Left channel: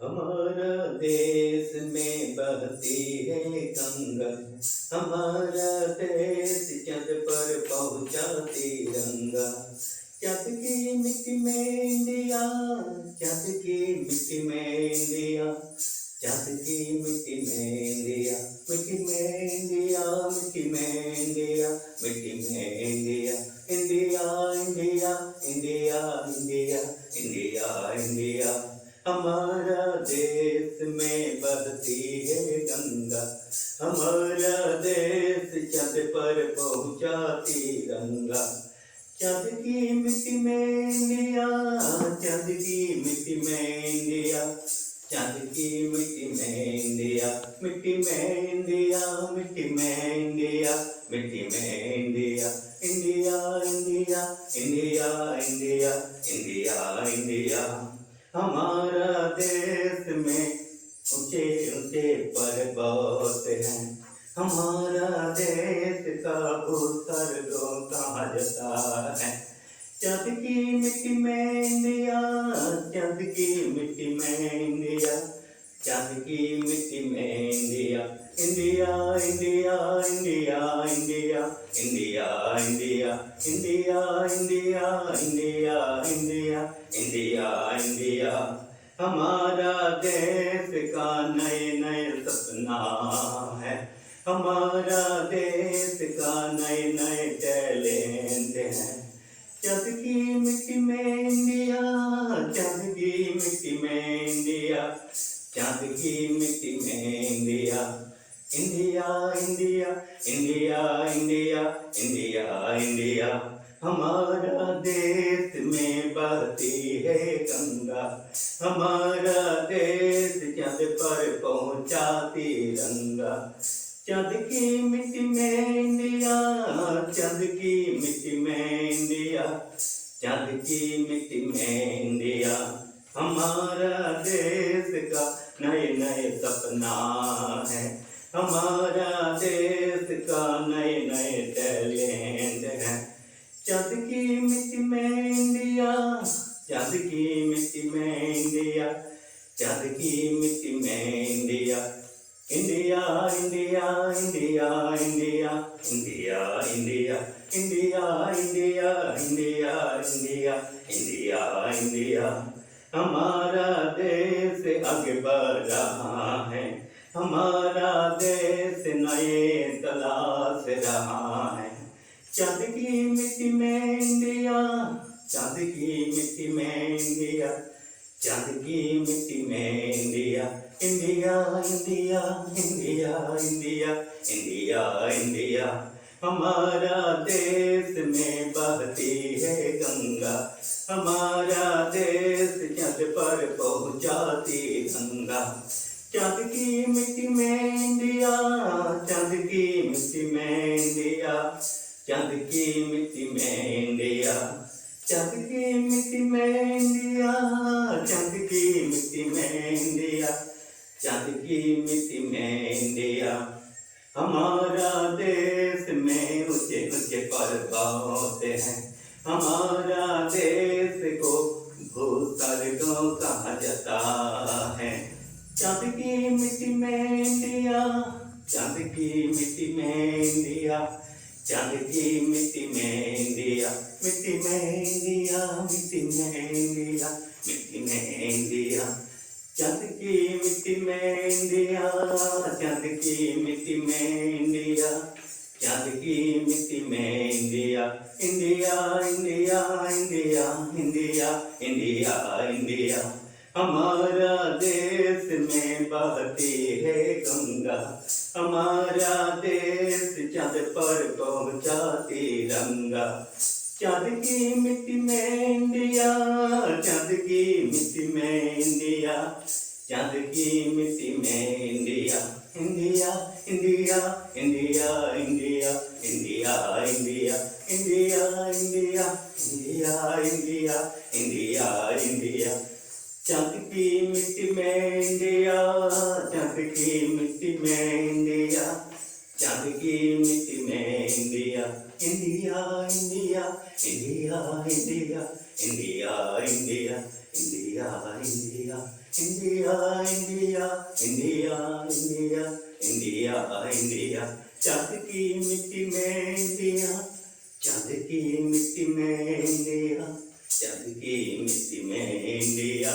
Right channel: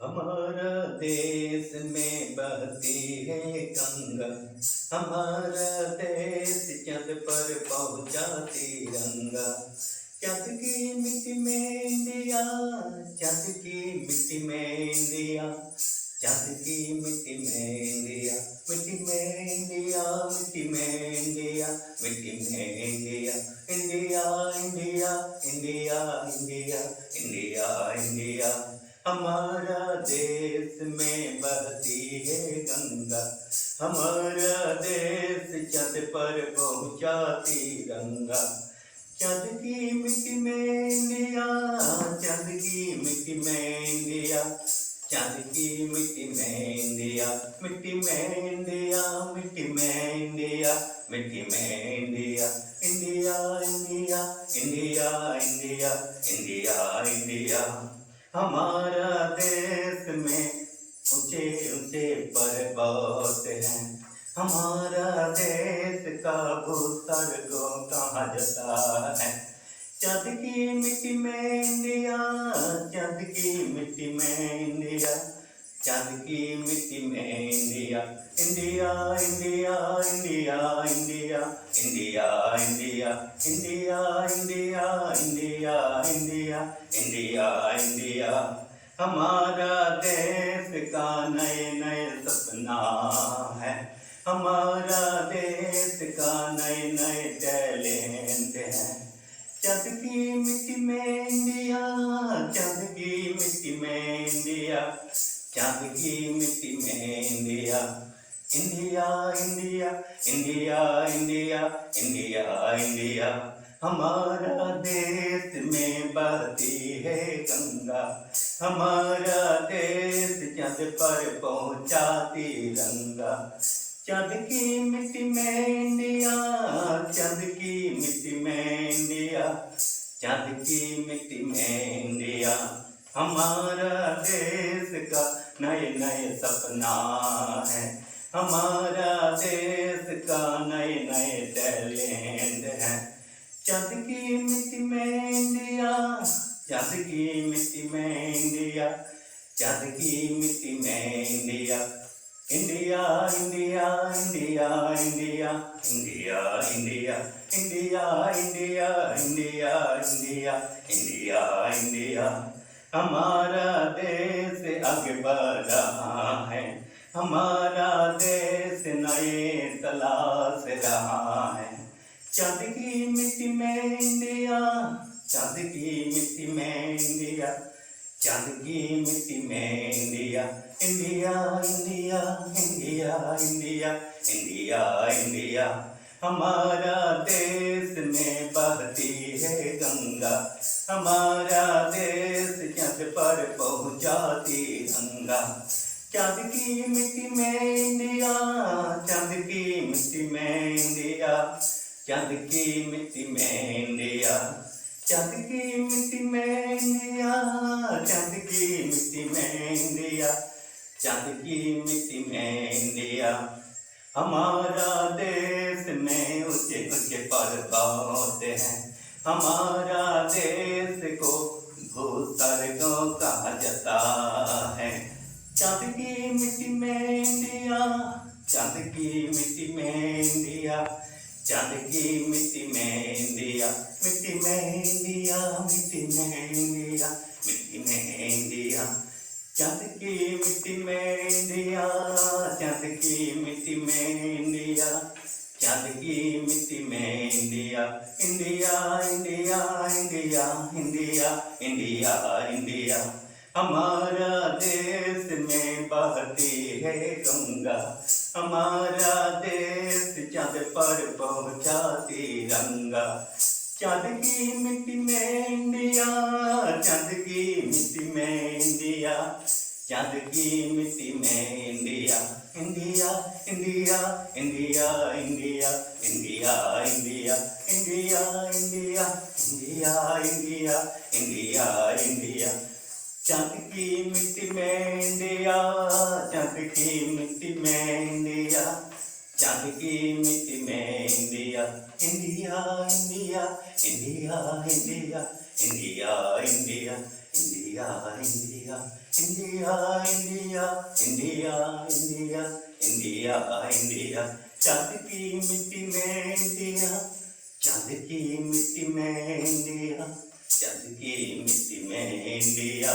हमारा देश में बहती है गंगा, हमारा देश चंद पर पहुँचा तिरंगा। चंद की मिट्टी में इंडिया, चंद की मिट्टी में इंडिया, चंद की मिट्टी में इंडिया, मिट्टी में इंडिया, मिट्टी में इंडिया, मिट्टी में India, India India India India India India. हमारा देश में बहती है गंगा, हमारा देश चंद पर पहुँचा तिरंगा। चंद की मिट्टी में इंडिया, चंद की मिट्टी में इंडिया, चंद की मिट्टी में इंडिया, मिट्टी में इंडिया, मिट्टी में इंडिया, मिट्टी में India, India India India India India India. हमारा देश में ऊंचे ऊंचे पर्वत हैं, हमारा देश का भूस्वर्ग कहा जाता है। चंद की मिट्टी में इंडिया, चंद की मिट्टी में इंडिया, चंद की मिट्टी में India, India India India India India India India India India India India India. हमारा देश का नए नए सपना है, हमारा देश का नए नए टैलेंट है। चंद की मिट्टी में इंडिया, चंद की मिट्टी में इंडिया, चंद की मिट्टी में India, India India India India India India. हमारा देश में बहती है गंगा, हमारा देश चंद पर पहुँचा तिरंगा। चंद की मिट्टी में इंडिया, चंद की मिट्टी में इंडिया, चंद की मिट्टी में इंडिया। हमारा देश का नए नए सपना है, हमारा देश का नए नए टैलेंट है। चंद की मिट्टी में इंडिया, चंद की मिट्टी में इंडिया, चंद की मिट्टी में India, India India India India India India India India India India India India. हमारा देश आगे बढ़ रहा है, हमारा देश नए तलाश रहा है। चंद की मिट्टी में इंडिया, चंद की मिट्टी में इंडिया, चंद की मिट्टी में India, India India India India India India. हमारा देश में बहती है गंगा, हमारा देश चंद पर पहुँचा तिरंगा। चंद की मिट्टी में इंडिया, चंद की मिट्टी में इंडिया, चंद की मिट्टी में इंडिया, चंद की मिट्टी में इंडिया, चंद की मिट्टी में इंडिया, चंद की मिट्टी में इंडिया। हमारा देश में ऊंचे ऊंचे पर्वत हैं, हमारा देश को भूस्वर्ग कहा जाता है। चंद की मिट्टी में इंडिया, चंद की मिट्टी में इंडिया, चंद की मिट्टी में इंडिया, मिट्टी में इंडिया, मिट्टी में इंडिया, मिट्टी में इंडिया। चंद की मिट्टी में इंडिया, चंद की मिट्टी में इंडिया, चंद की मिट्टी में India, India India India India India India. हमारा देश में बहती है गंगा, हमारा देश चंद पर पहुँचा तिरंगा। चंद की मिट्टी में इंडिया, चंद की मिट्टी में इंडिया, चंद की मिट्टी में India, India India India India India India India India India India India India. चंद की मिट्टी में इंडिया, चंद की मिट्टी में इंडिया, चंद की मिट्टी में India, India India India India India India India. India India India India India India India India चाँद की मिट्टी में इंडिया चाँद की मिट्टी में इंडिया चाँद की मिट्टी में इंडिया